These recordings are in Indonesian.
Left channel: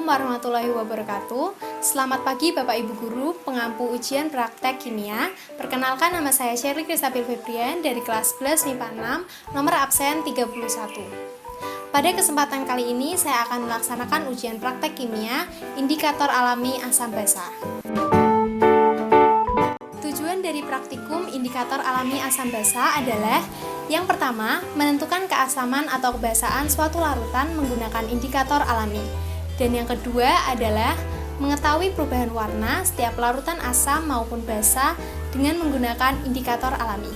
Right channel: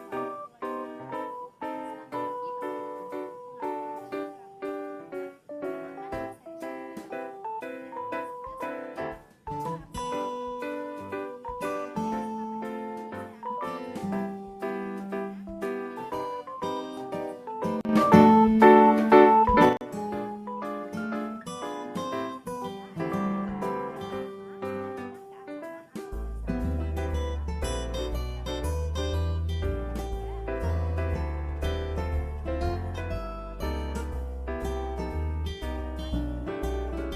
Assalamualaikum warahmatullahi wabarakatuh. Selamat pagi Bapak Ibu Guru, pengampu ujian praktek kimia. Perkenalkan, nama saya Sherly Kristabil Febrian dari kelas 11 MIPA 6, nomor absen 31. Pada kesempatan kali ini saya akan melaksanakan ujian praktek kimia indikator alami asam basa. Tujuan dari praktikum indikator alami asam basa adalah: yang pertama, menentukan keasaman atau kebasaan suatu larutan menggunakan indikator alami. Dan yang kedua adalah mengetahui perubahan warna setiap larutan asam maupun basa dengan menggunakan indikator alami.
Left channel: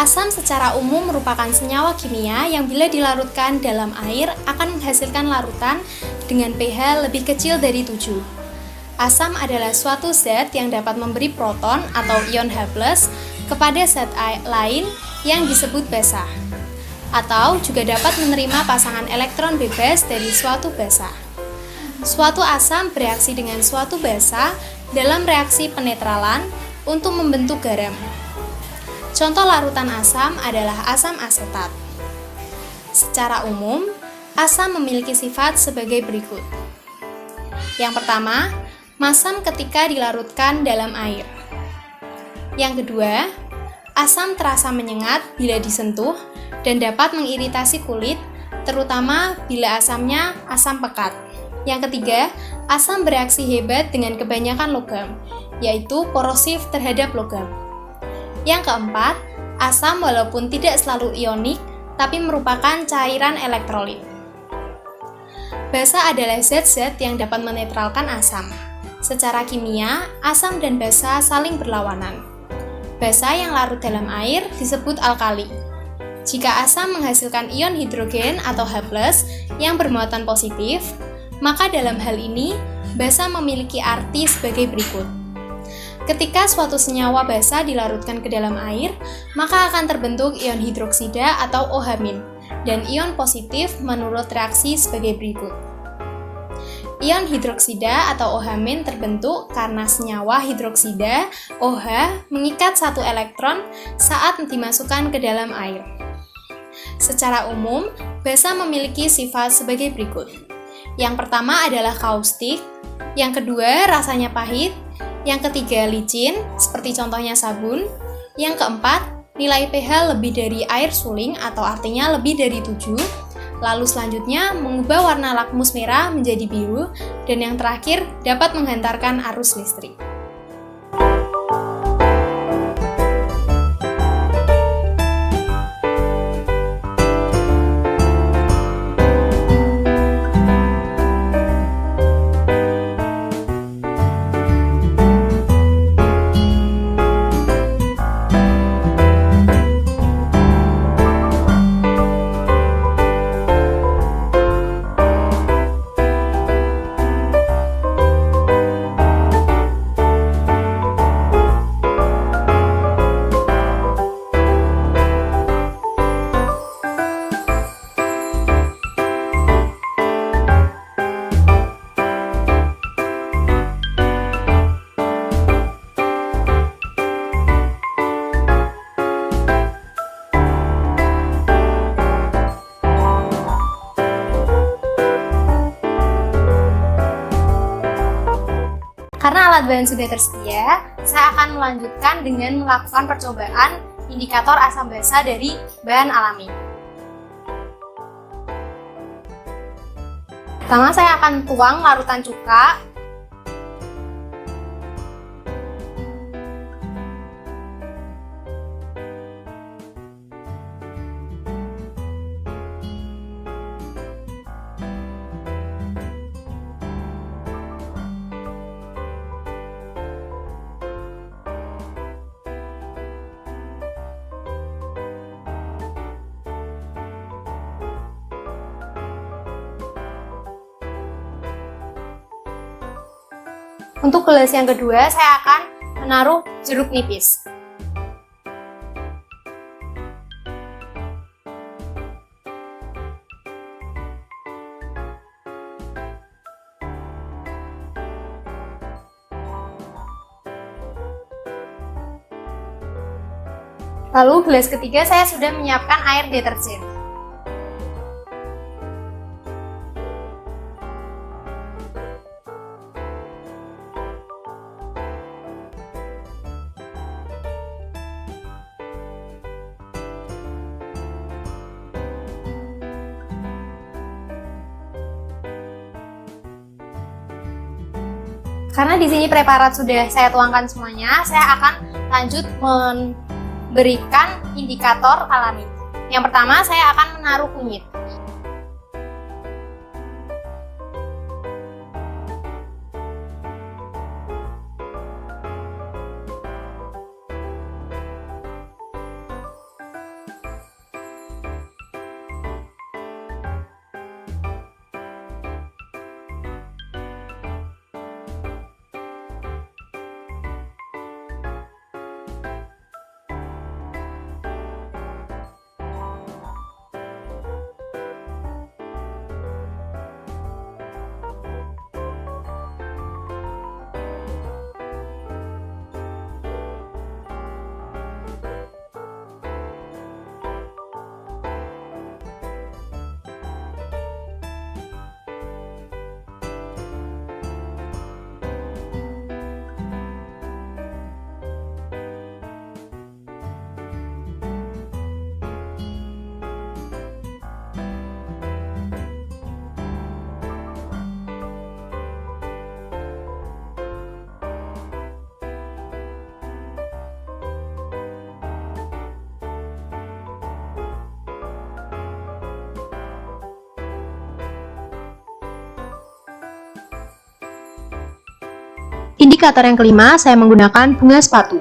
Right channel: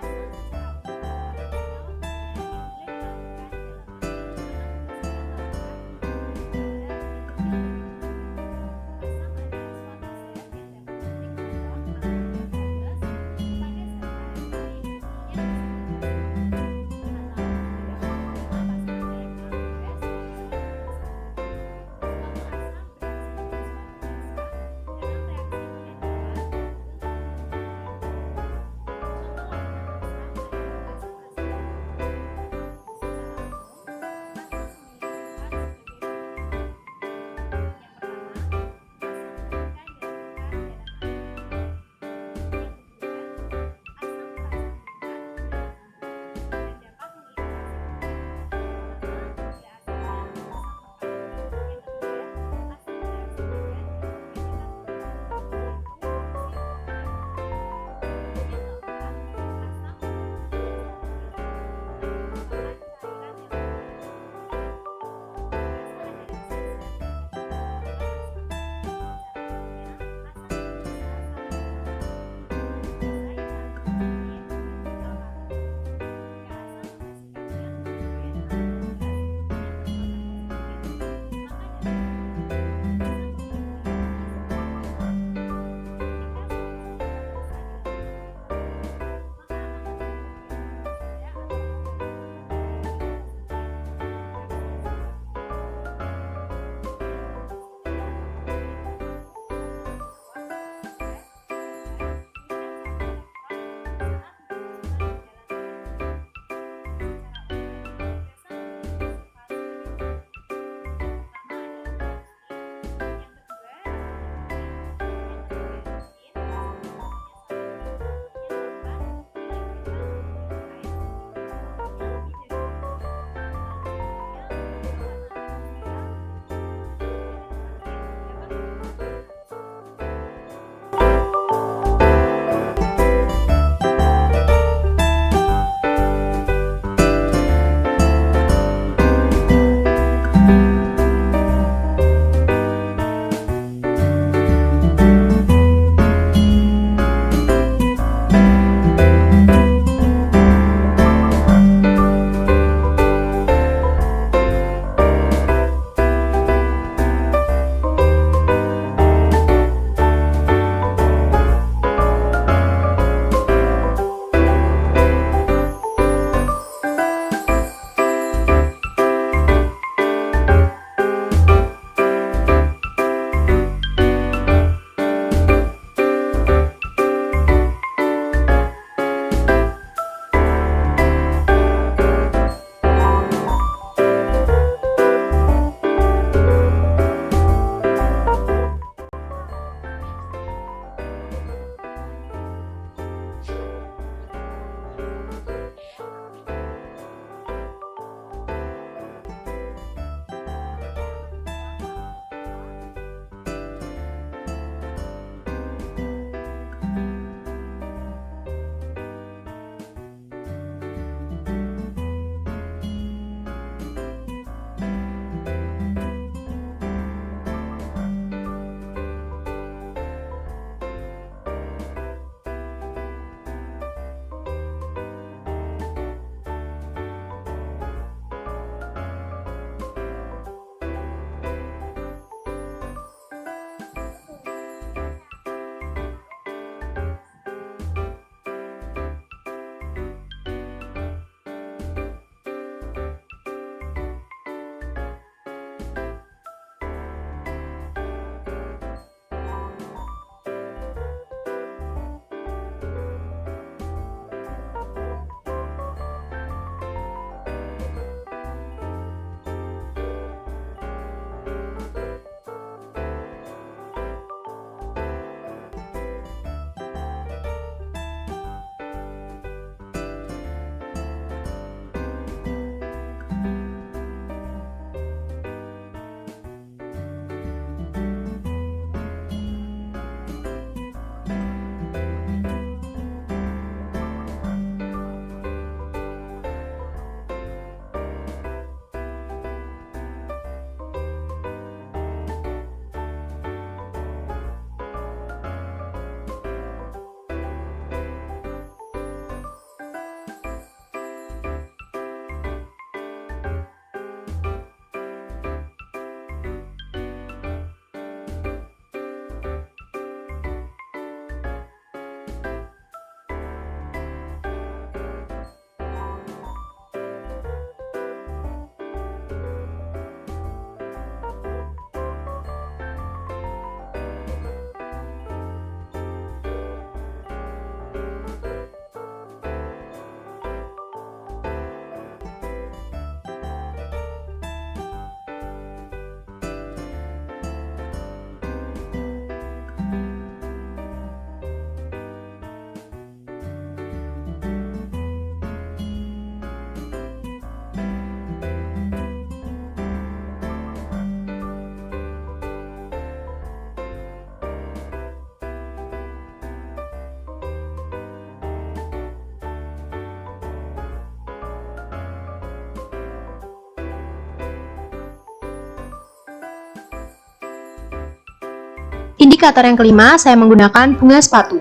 Asam secara umum merupakan senyawa kimia yang bila dilarutkan dalam air akan menghasilkan larutan dengan pH lebih kecil dari 7. Asam adalah suatu zat yang dapat memberi proton atau ion H+ kepada zat lain yang disebut basa, atau juga dapat menerima pasangan elektron bebas dari suatu basa. Suatu asam bereaksi dengan suatu basa dalam reaksi penetralan untuk membentuk garam. Contoh larutan asam adalah asam asetat. Secara umum, asam memiliki sifat sebagai berikut. Yang pertama, masam ketika dilarutkan dalam air. Yang kedua, asam terasa menyengat bila disentuh dan dapat mengiritasi kulit, terutama bila asamnya asam pekat. Yang ketiga, asam bereaksi hebat dengan kebanyakan logam, yaitu korosif terhadap logam. Yang keempat, asam walaupun tidak selalu ionik, tapi merupakan cairan elektrolit. Basa adalah zat-zat yang dapat menetralkan asam. Secara kimia, asam dan basa saling berlawanan. Basa yang larut dalam air disebut alkali. Jika asam menghasilkan ion hidrogen atau H+ yang bermuatan positif, maka dalam hal ini basa memiliki arti sebagai berikut. Ketika suatu senyawa basa dilarutkan ke dalam air, maka akan terbentuk ion hidroksida atau OH- dan ion positif menurut reaksi sebagai berikut. Ion hidroksida atau OH- terbentuk karena senyawa hidroksida OH mengikat satu elektron saat dimasukkan ke dalam air. Secara umum, basa memiliki sifat sebagai berikut. Yang pertama adalah kaustik, yang kedua rasanya pahit, yang ketiga licin, seperti contohnya sabun, yang keempat nilai pH lebih dari air suling atau artinya lebih dari 7, lalu selanjutnya mengubah warna lakmus merah menjadi biru, dan yang terakhir dapat menghantarkan arus listrik. Karena alat bahan sudah tersedia, saya akan melanjutkan dengan melakukan percobaan indikator asam basa dari bahan alami. Pertama, saya akan tuang larutan cuka. Untuk gelas yang kedua, saya akan menaruh jeruk nipis. Lalu gelas ketiga saya sudah menyiapkan air deterjen. Karena di sini preparat sudah saya tuangkan semuanya, saya akan lanjut memberikan indikator alami. Yang pertama, saya akan menaruh kunyit. Indikator yang kelima, saya menggunakan bunga sepatu.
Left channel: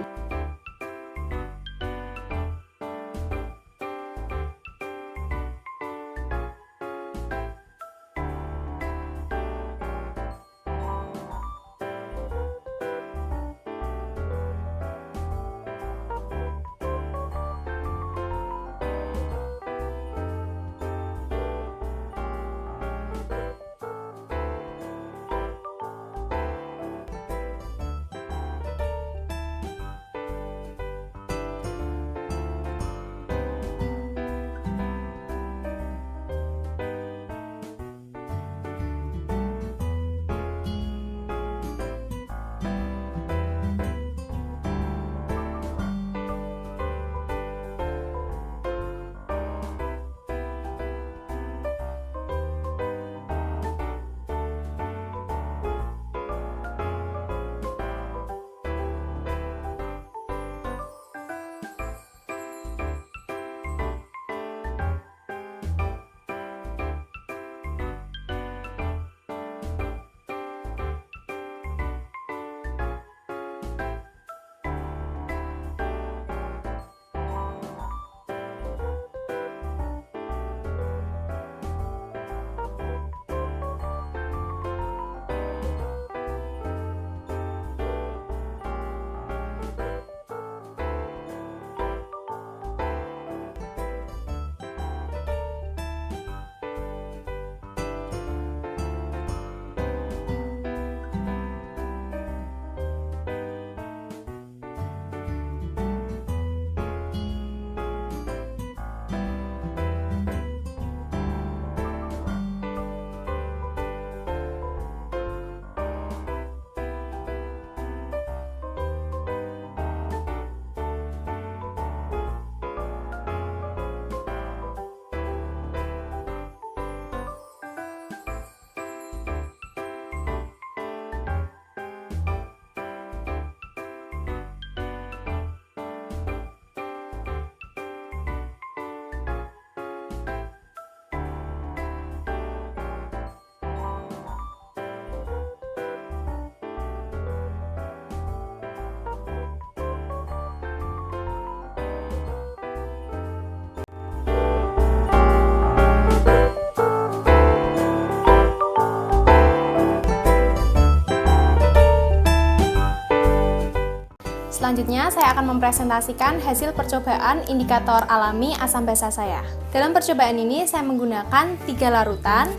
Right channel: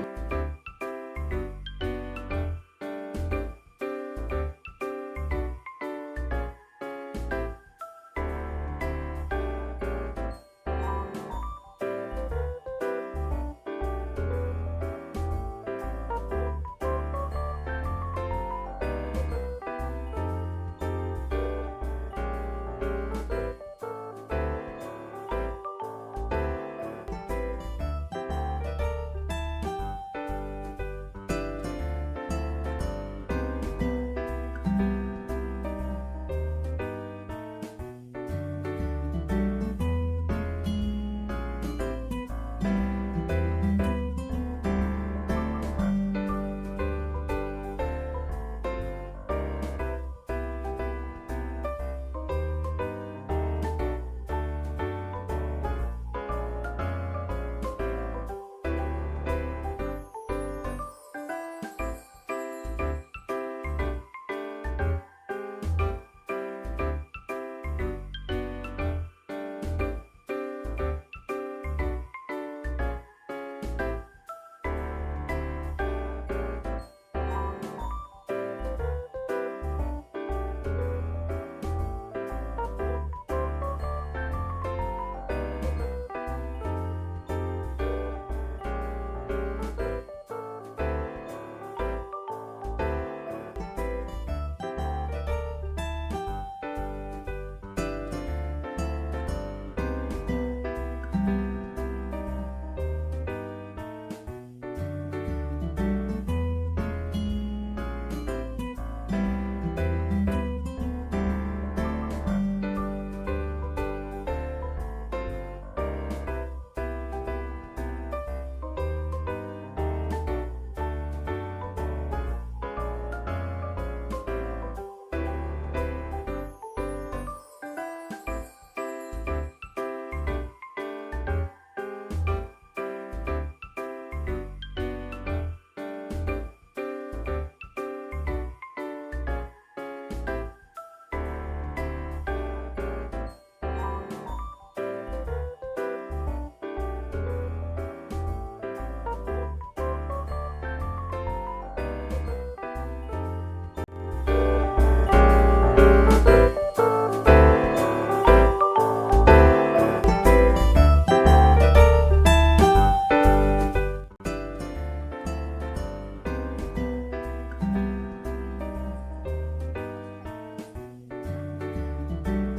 Selanjutnya, saya akan mempresentasikan hasil percobaan indikator alami asam basa saya. Dalam percobaan ini, saya menggunakan 3 larutan,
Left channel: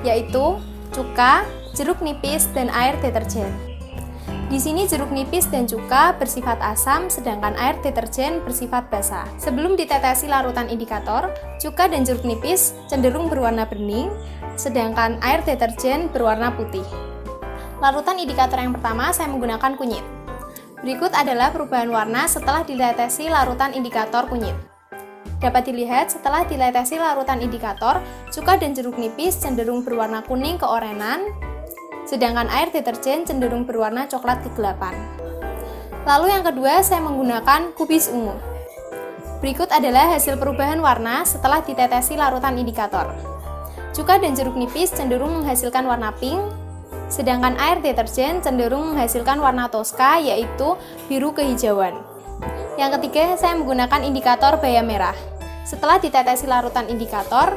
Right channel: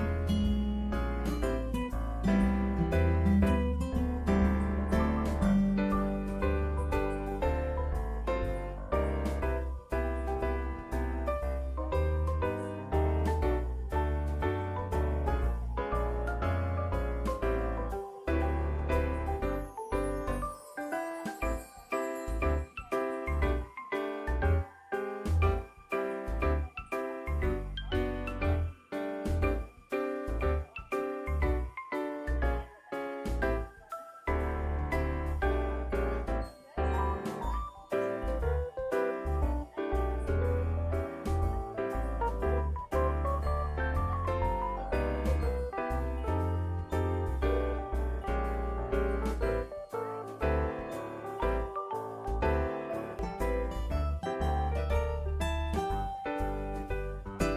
yaitu cuka, jeruk nipis, dan air deterjen. Di sini jeruk nipis dan cuka bersifat asam, sedangkan air deterjen bersifat basa. Sebelum ditetesi larutan indikator, cuka dan jeruk nipis cenderung berwarna bening, sedangkan air deterjen berwarna putih. Larutan indikator yang pertama, saya menggunakan kunyit. Berikut adalah perubahan warna setelah ditetesi larutan indikator kunyit. Dapat dilihat setelah ditetesi larutan indikator, cuka dan jeruk nipis cenderung berwarna kuning keorenan, sedangkan air deterjen cenderung berwarna coklat kegelapan. Lalu yang kedua, saya menggunakan kubis ungu. Berikut adalah hasil perubahan warna setelah ditetesi larutan indikator. Cuka dan jeruk nipis cenderung menghasilkan warna pink, sedangkan air deterjen cenderung menghasilkan warna toska, yaitu biru kehijauan. Yang ketiga, saya menggunakan indikator bayam merah. Setelah ditetesi larutan indikator,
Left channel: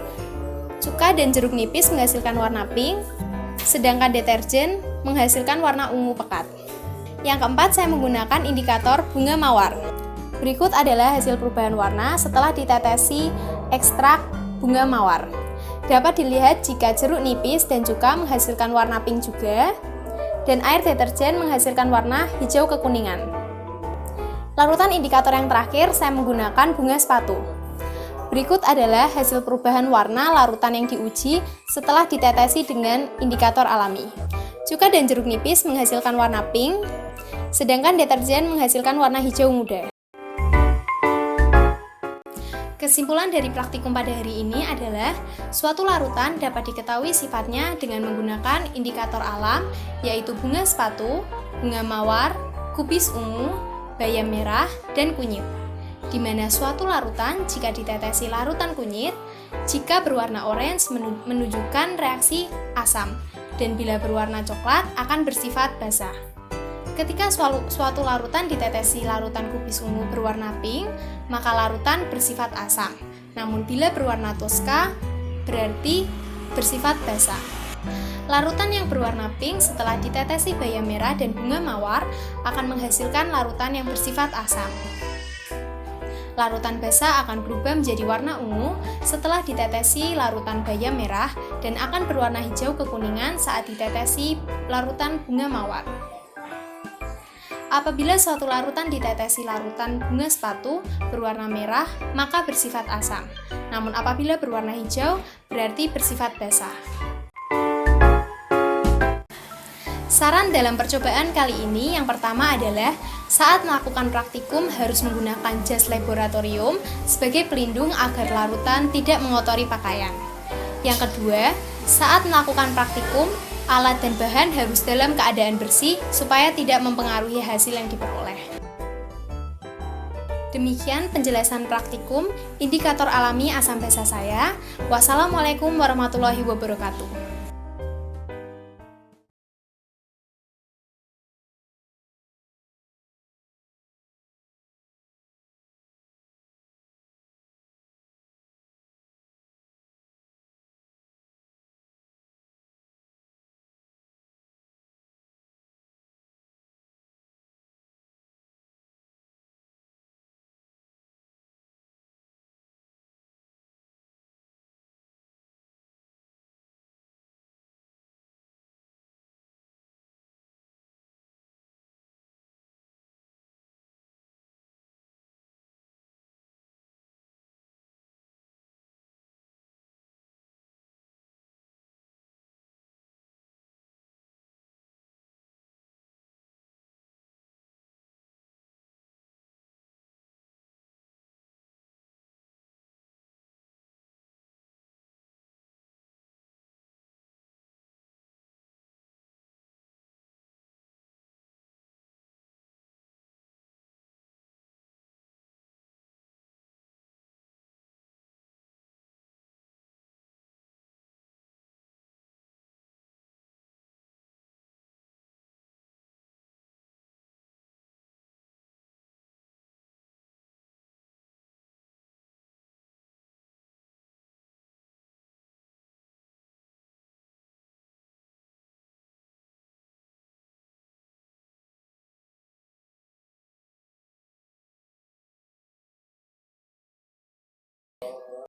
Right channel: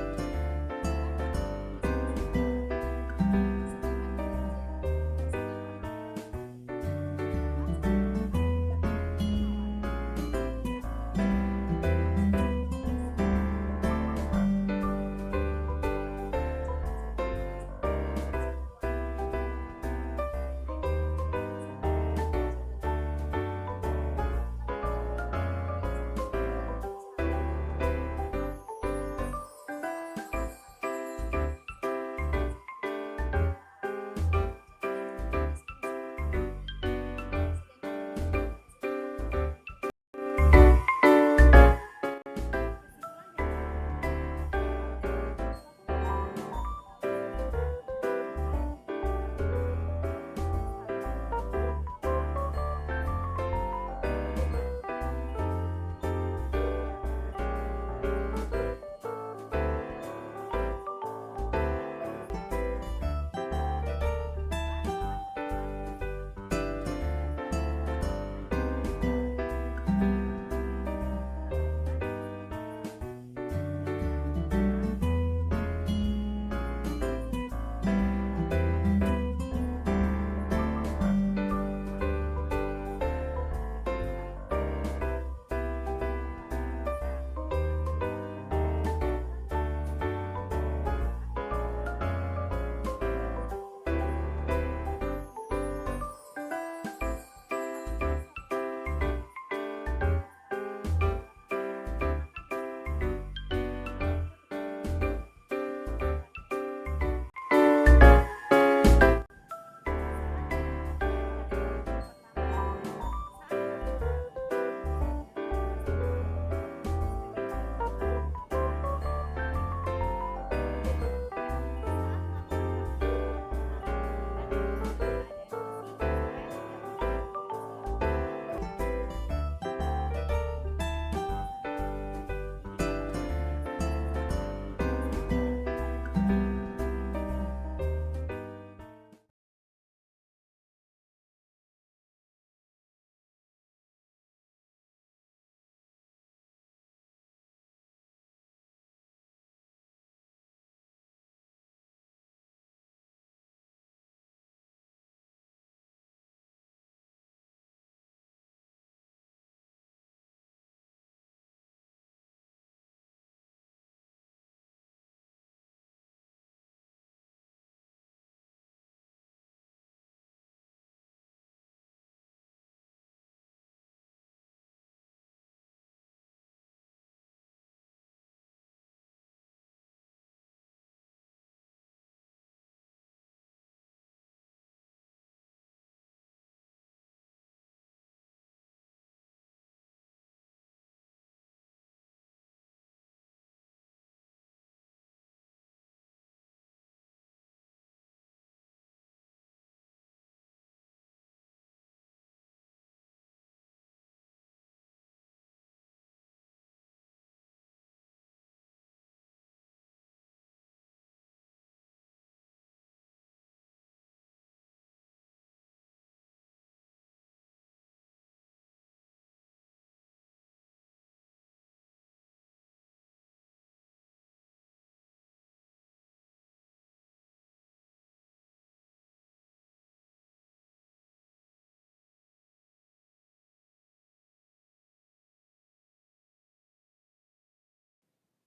cuka dan jeruk nipis menghasilkan warna pink, sedangkan deterjen menghasilkan warna ungu pekat. Yang keempat, saya menggunakan indikator bunga mawar. Berikut adalah hasil perubahan warna setelah ditetesi ekstrak bunga mawar. Dapat dilihat jika jeruk nipis dan cuka menghasilkan warna pink juga, dan air deterjen menghasilkan warna hijau kekuningan. Larutan indikator yang terakhir, saya menggunakan bunga sepatu. Berikut adalah hasil perubahan warna larutan yang diuji setelah ditetesi dengan indikator alami. Cuka dan jeruk nipis menghasilkan warna pink, sedangkan deterjen menghasilkan warna hijau muda. Kesimpulan dari praktikum pada hari ini adalah suatu larutan dapat diketahui sifatnya dengan menggunakan indikator alam, yaitu bunga sepatu, bunga mawar, kubis ungu, bayam merah, dan kunyit. Di mana suatu larutan jika ditetesi larutan kunyit, jika berwarna orange menunjukkan reaksi asam, dan bila berwarna coklat akan bersifat basa. Ketika suatu larutan ditetesi larutan kubis ungu berwarna pink, maka larutan bersifat asam. Namun bila berwarna toska, berarti bersifat basa. Larutan yang berwarna pink setelah ditetesi bayam merah dan bunga mawar akan menghasilkan larutan yang bersifat asam. Larutan basa akan berubah menjadi warna ungu setelah ditetesi larutan bayam merah dan akan berwarna hijau kekuningan saat ditetesi larutan bunga mawar. Apabila suatu larutan ditetesi larutan bunga sepatu berwarna merah, maka bersifat asam. Namun apabila berwarna hijau, berarti bersifat basa. Saran dalam percobaan kali ini yang pertama adalah saat melakukan praktikum harus menggunakan jas laboratorium sebagai pelindung agar larutan tidak mengotori pakaian. Yang kedua, saat melakukan praktikum, alat dan bahan harus dalam keadaan bersih supaya tidak mempengaruhi hasil yang diperoleh. Demikian penjelasan praktikum indikator alami asam basa saya. Wassalamualaikum warahmatullahi wabarakatuh.